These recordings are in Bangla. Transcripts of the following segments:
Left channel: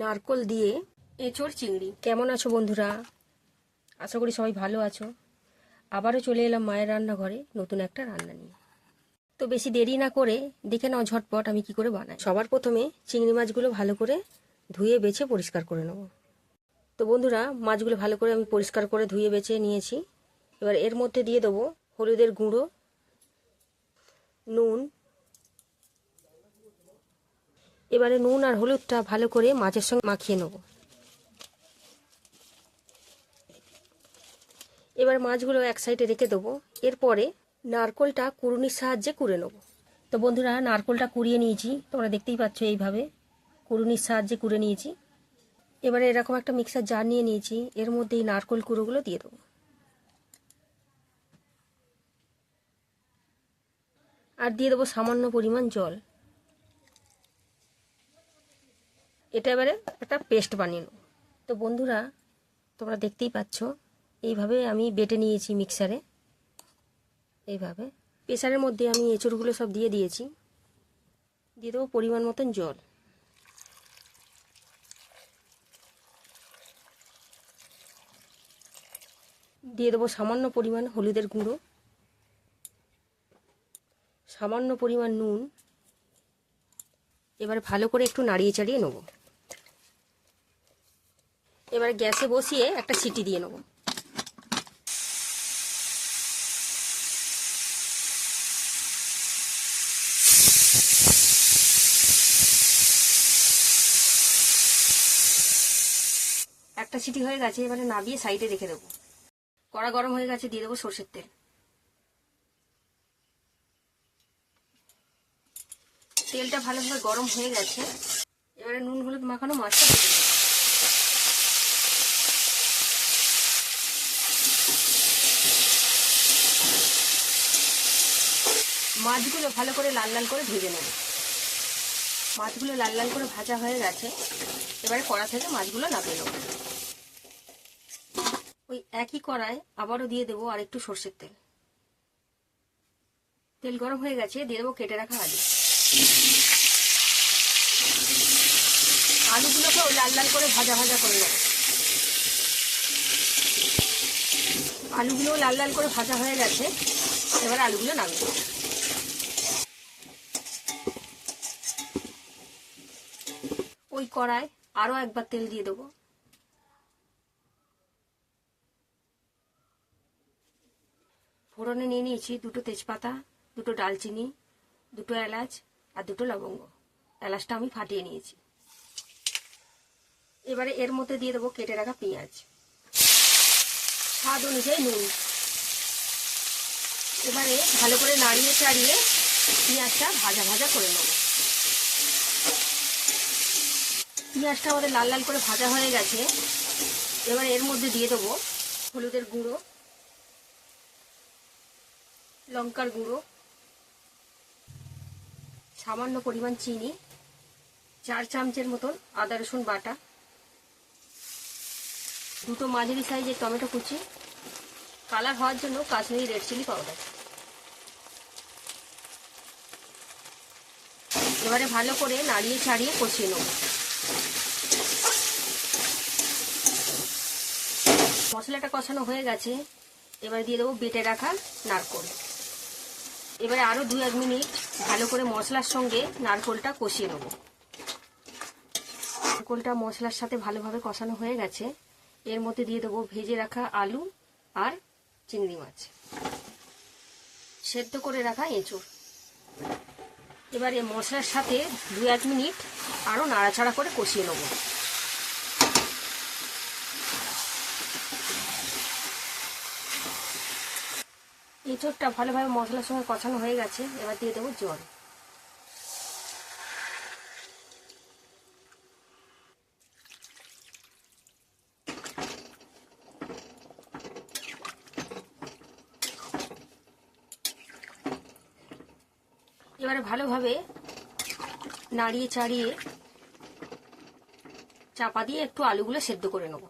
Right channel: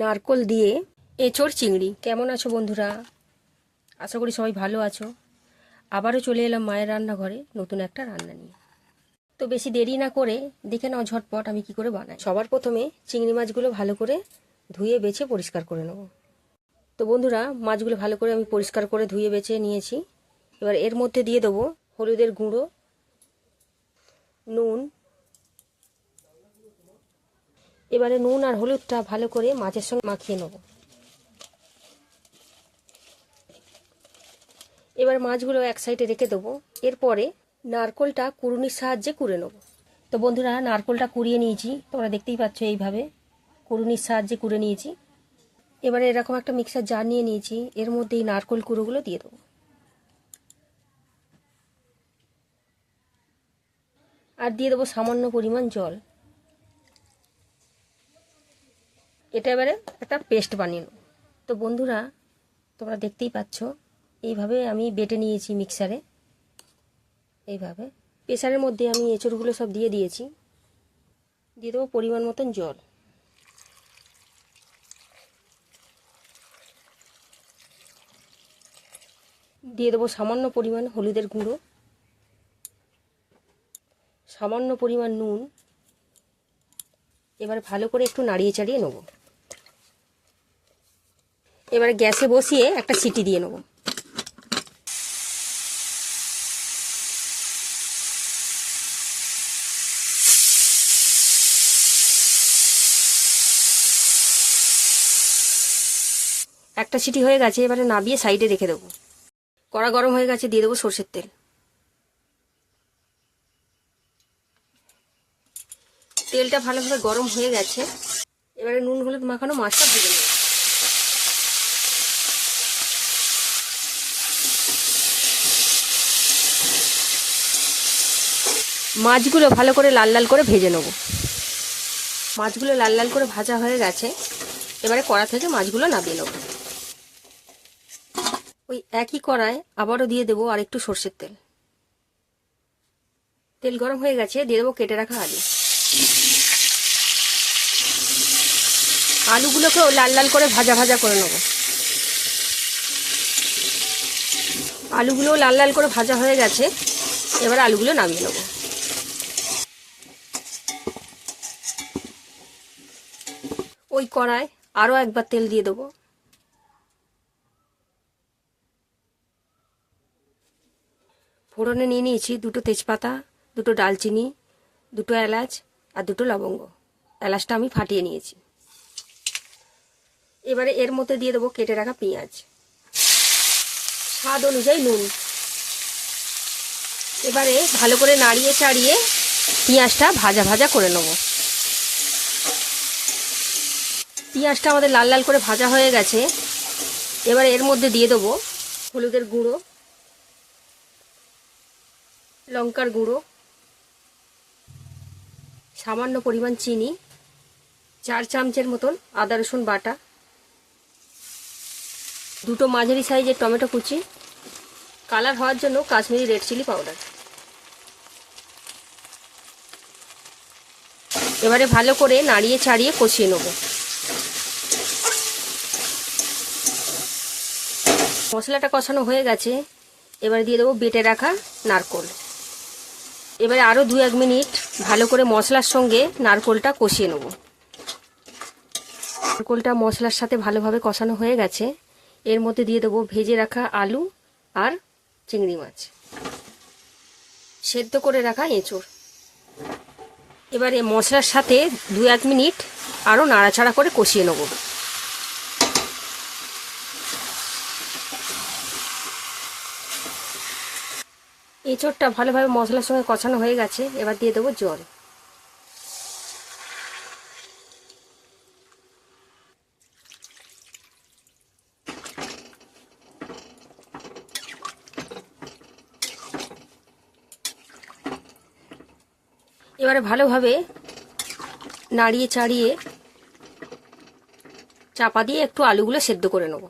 নারকোল দিয়ে এঁচোড় চিংড়ি। কেমন আছো বন্ধুরা? আশা করি সবাই ভালো আছো। আবারও চলে এলাম মায়ের রান্নাঘরে নতুন একটা রান্না নিয়ে। তো বেশি দেরি না করে দেখে নাও ঝটপট আমি কি করে বানাই। সবার প্রথমে চিংড়ি মাছগুলো ভালো করে ধুয়ে বেছে পরিষ্কার করে নেব। তো বন্ধুরা, মাছগুলো ভালো করে আমি পরিষ্কার করে ধুয়ে বেছে নিয়েছি। এবার এর মধ্যে দিয়ে দেবো হলুদের গুঁড়ো, নুন। এবারে নুন আর হলুদটা ভালো করে মাছের সঙ্গে মাখিয়ে নেব। এবার মাছগুলো এক সাইডে রেখে দেবো। এরপরে নারকোলটা কুড়ুনির সাহায্যে কুড়ে নেব। তো বন্ধুরা, নারকোলটা কুড়িয়ে নিয়েছি, তোমরা দেখতেই পাচ্ছ এইভাবে কুড়ুনির সাহায্যে কুড়ে নিয়েছি। এবারে এরকম একটা মিক্সার জার নিয়ে নিয়েছি, এর মধ্যে এই নারকোল কুড়োগুলো দিয়ে দেবো। আর দিয়ে দেবো সামান্য পরিমাণ জল। এটা এবারে একটা পেস্ট বানিয়ে নেব। তো বন্ধুরা, তোমরা দেখতেই পাচ্ছ এইভাবে আমি বেটে নিয়েছি মিক্সারে। এইভাবে প্রেসারের মধ্যে আমি এঁচড়গুলো সব দিয়ে দিয়েছি। দিয়ে দেবো পরিমাণ মতন জল। দিয়ে দেবো সামান্য পরিমাণ হলুদের গুঁড়ো, সামান্য পরিমাণ নুন। এবার ভালো করে একটু নাড়িয়ে চাড়িয়ে নেব। এবারে গ্যাসে বসিয়ে একটা সিটি দিয়ে নেব। একটা সিটি হয়ে গেছে, এবারে নামিয়ে সাইডে রেখে দেবো। কড়া গরম হয়ে গেছে, দিয়ে দেবো সরষের তেল। তেলটা ভালোভাবে গরম হয়ে গেছে, এবারে নুন হলুদ মাখানো মাছটা ভেজে নেব। মাছগুলো ভালো করে লাল লাল করে ভেজে নেব। মাছগুলো লাল লাল করে ভাজা হয়ে গেছে, এবারে কড়া থেকে মাছগুলো নামিয়ে নেব। ওই একই কড়ায় আবারও দিয়ে দেবো আর একটু সরষের তেল। তেল গরম হয়ে গেছে, দিয়ে দেবো কেটে রাখা আলু। আলুগুলোকেও লাল লাল করে ভাজা ভাজা করে নেব। আলুগুলোও লাল লাল করে ভাজা হয়ে গেছে, এবারে আলুগুলো নামিয়ে নেব। ওই কড়ায় আরও একবার তেল দিয়ে দেবো। ফোড়নে নিয়ে নিয়েছি দুটো তেজপাতা, দুটো ডালচিনি, দুটো এলাচ আর দুটো লবঙ্গ। এলাচটা আমি ফাটিয়ে নিয়েছি। এবারে এর মধ্যে দিয়ে দেবো কেটে রাখা পেঁয়াজ, স্বাদ অনুযায়ী নুন। এবারে ভালো করে নাড়িয়ে চাড়িয়ে পেঁয়াজটা ভাজা ভাজা করে নেব। পেঁয়াজটা আমাদের লাল লাল করে ভাজা হয়ে গেছে, এবার এর মধ্যে দিয়ে দেবো হলুদের গুঁড়ো, লঙ্কার গুঁড়ো, সামান্য পরিমাণ চিনি, 4 চামচের মতন আদা রসুন বাটা, দুটো মাঝারি সাইজের টমেটো কুচি, কালার হওয়ার জন্য কাশ্মীরি রেড চিলি পাউডার। এবারে ভালো করে নাড়িয়ে চাড়িয়ে কষিয়ে নেব। মশলাটা কষানো হয়ে গেছে, এবারে দিয়ে দেবো বেটে রাখা নারকোল। এবারে আরও 2-1 মিনিট ভালো করে মশলার সঙ্গে নারকোলটা কষিয়ে নেব। নারকোলটা মশলার সাথে ভালোভাবে কষানো হয়ে গেছে, এর মধ্যে দিয়ে দেবো ভেজে রাখা আলু আর চিংড়ি মাছ, সেদ্ধ করে রাখা এঁচোড়। এবারে মশলার সাথে 2-1 মিনিট আরও নাড়াচাড়া করে কষিয়ে নেব। এঁচোড়টা ভালোভাবে মশলার সঙ্গে কষানো হয়ে গেছে, এবার দিয়ে দেবো জল। এবারে ভালোভাবে নাড়িয়ে চাড়িয়ে চাপা দিয়ে একটু আলুগুলো সেদ্ধ করে নেব।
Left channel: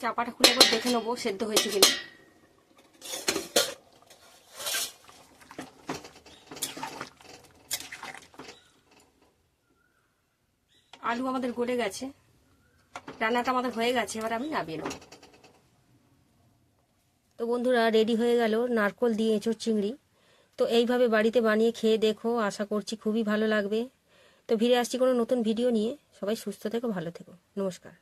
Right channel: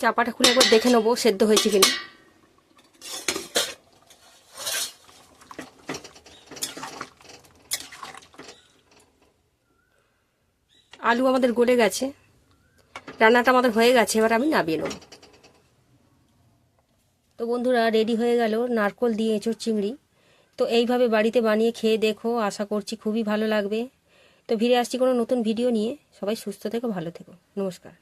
চাপাটা খুলে একবার দেখে নেবো সেদ্ধ হয়েছে কিনা। আলু আমাদের গলে গেছে, রান্নাটা আমাদের হয়ে গেছে, এবার আমি নামিয়ে নেব। তো বন্ধুরা, রেডি হয়ে গেল নারকোল দিয়ে এঁচোড় চিংড়ি। তো এইভাবে বাড়িতে বানিয়ে খেয়ে দেখো, আশা করছি খুবই ভালো লাগবে। তো ফিরে আসছি কোনো নতুন ভিডিও নিয়ে। সবাই সুস্থ থেকো, ভালো থেকো, নমস্কার।